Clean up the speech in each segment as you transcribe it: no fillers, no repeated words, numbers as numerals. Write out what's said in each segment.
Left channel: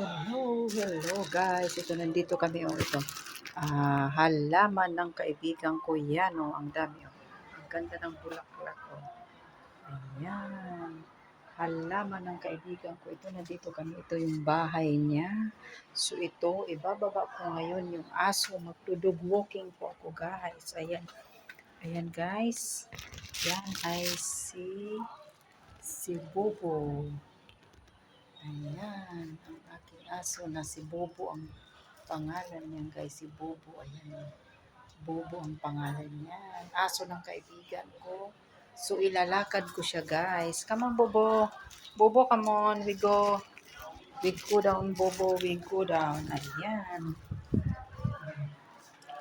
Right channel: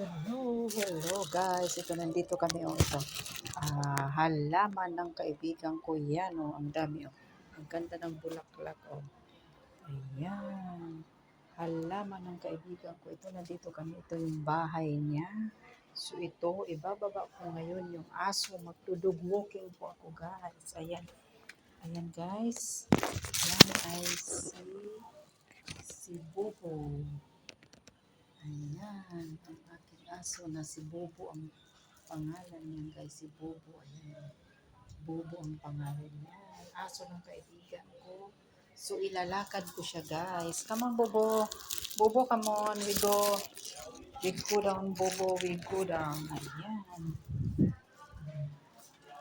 Hello guys. Ito nandito kami ito. Halaman ng kaibigan ko yan oh. Ang dami oh. Ang ganda ng bulaklak oh. Ayan. Halaman ng kaibigan ko. Ito nandito kami. Ito yung bahay niya. So ito, ibababa ko ngayon yung aso. Magdudog walking po ako guys. Ayan. Ayan guys. Yan ay si Bobo. Ayan, ang aking aso na si Bobo ang pangalan niya guys, si Bobo. Ayan, Bobo ang pangalan niya. Aso ng kaibigan ko. So, ilalakad ko siya guys. Come on, Bobo. Bobo, come on. We go. We go down, Bobo. We go down. Ayan.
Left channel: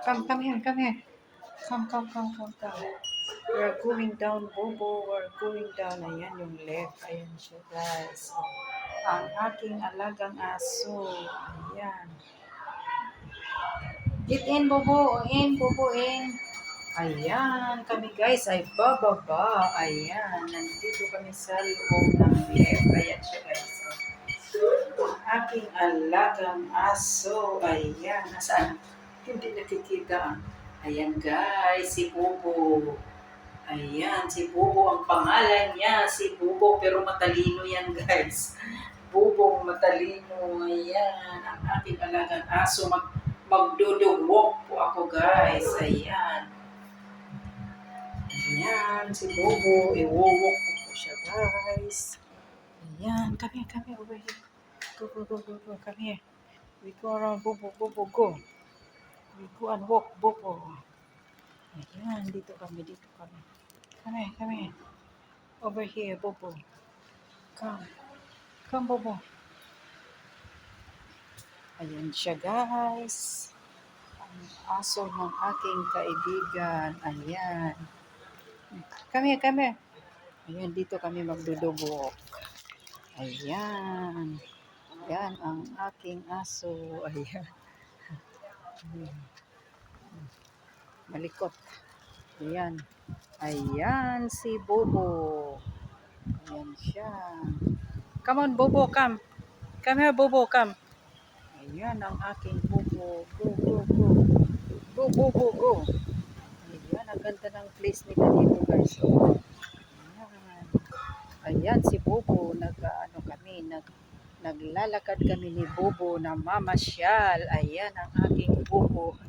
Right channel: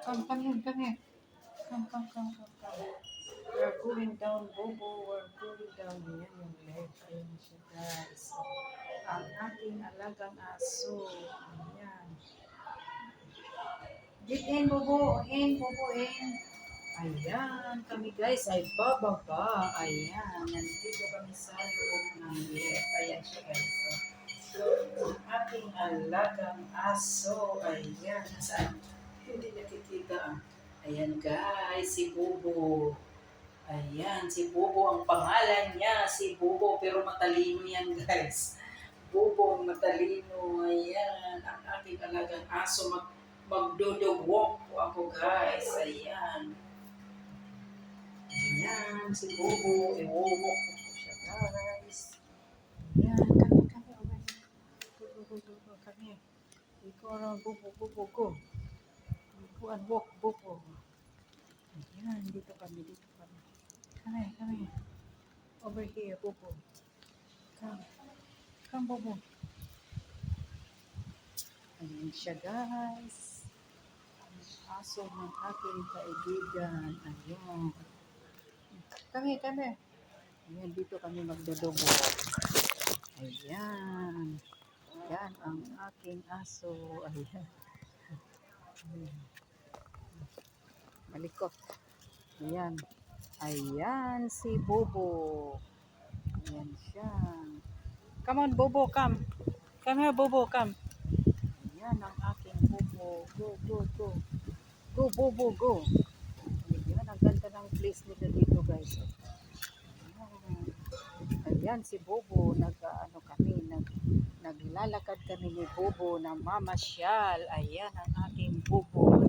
Come here, come here. Come. We're going down, Bobo. We're going down. Ayan yung left. Ayan siya guys. So, ang aking alagang aso. Ayan. Get in, Bobo. In. Ayan. Kami guys ay bababa. Ayan. Nandito kami sa loob ng left. Ayan siya guys. Ang aking alagang aso. Ayan. Nasaan? Hindi nakikita. Ayan guys. Si Bobo. Ayan. Si Bobo ang pangalan niya. Si Bobo. Pero matalino yan guys. Bubong matalino. Ayan, ang ating alagang aso. Magdodog walk po ako guys. Ayan. Ayan, si Bobo. I-walk ko siya guys. Ayan, come here, over here. Go, come here. We go around, Bobo, go. We go and walk, Bobo. Ayan, dito kami. Come here. Over here, Bobo. Come, Bobo. Ayan siya guys. Ang aso ng aking kaibigan. Ayan. Come here. Ayan, dito kami magdudubok. Ayan. Ayan ang aking aso. Ayan. Malikot. Ayan. Ayan si Bobo. Ayan siya. Come on, Bobo, come. Come here, Bobo, come. Ayan ang aking Bobo. Go. Ayan, ang ganda ng place nila dito guys. Ayan si Bobo. Naglalakad kami ni Bobo na mamasyal. Ayan ang aking Bobo.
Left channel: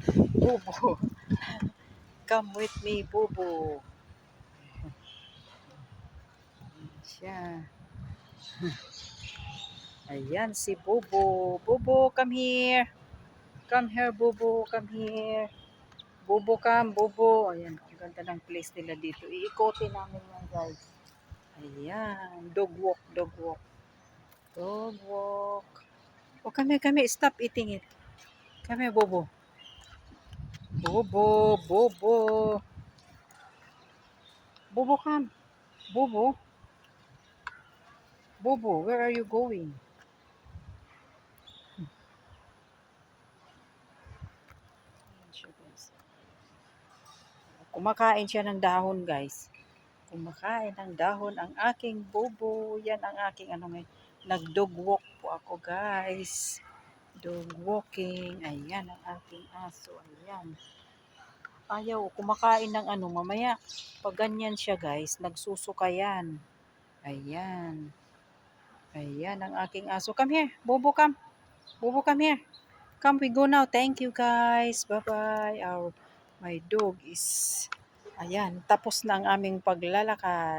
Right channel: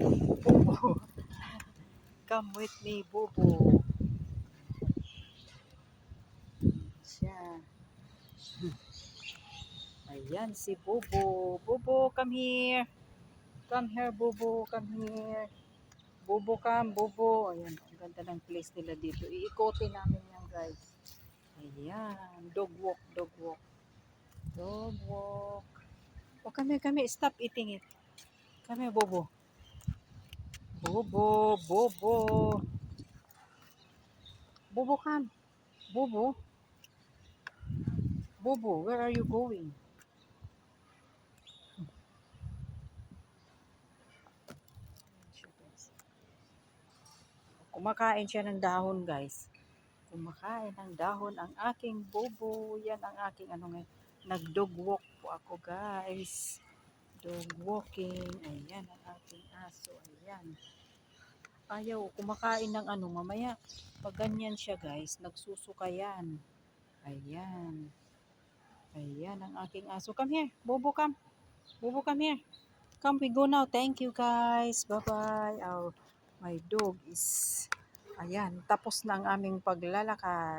Come with me, Bobo. Siya. Ayan si Bobo. Bobo, come here. Come here, Bobo. Come here. Bobo, come, Bobo. Ayan, ang ganda ng place nila dito. Iikotin namin yan, guys. Ayan, dog walk. Oh, come here. Stop eating it. Come here, Bobo. Bobo, come. Bobo, where are you going? Kumakain siya ng dahon, guys. Kumakain ng dahon ang aking Bobo. Yan ang aking nag-dog walk po ako, guys. Dog walking. Ayan ang aking aso. Ayan. Ayaw, kumakain ng mamaya. Pag ganyan siya, guys, nagsusuka yan. Ayan. Ayan ang aking aso. Come here, Bobo, come. Bobo, come here. Come, we go now. Thank you, guys. Bye-bye. My dog is... Ayan, tapos na ang aming paglalakad.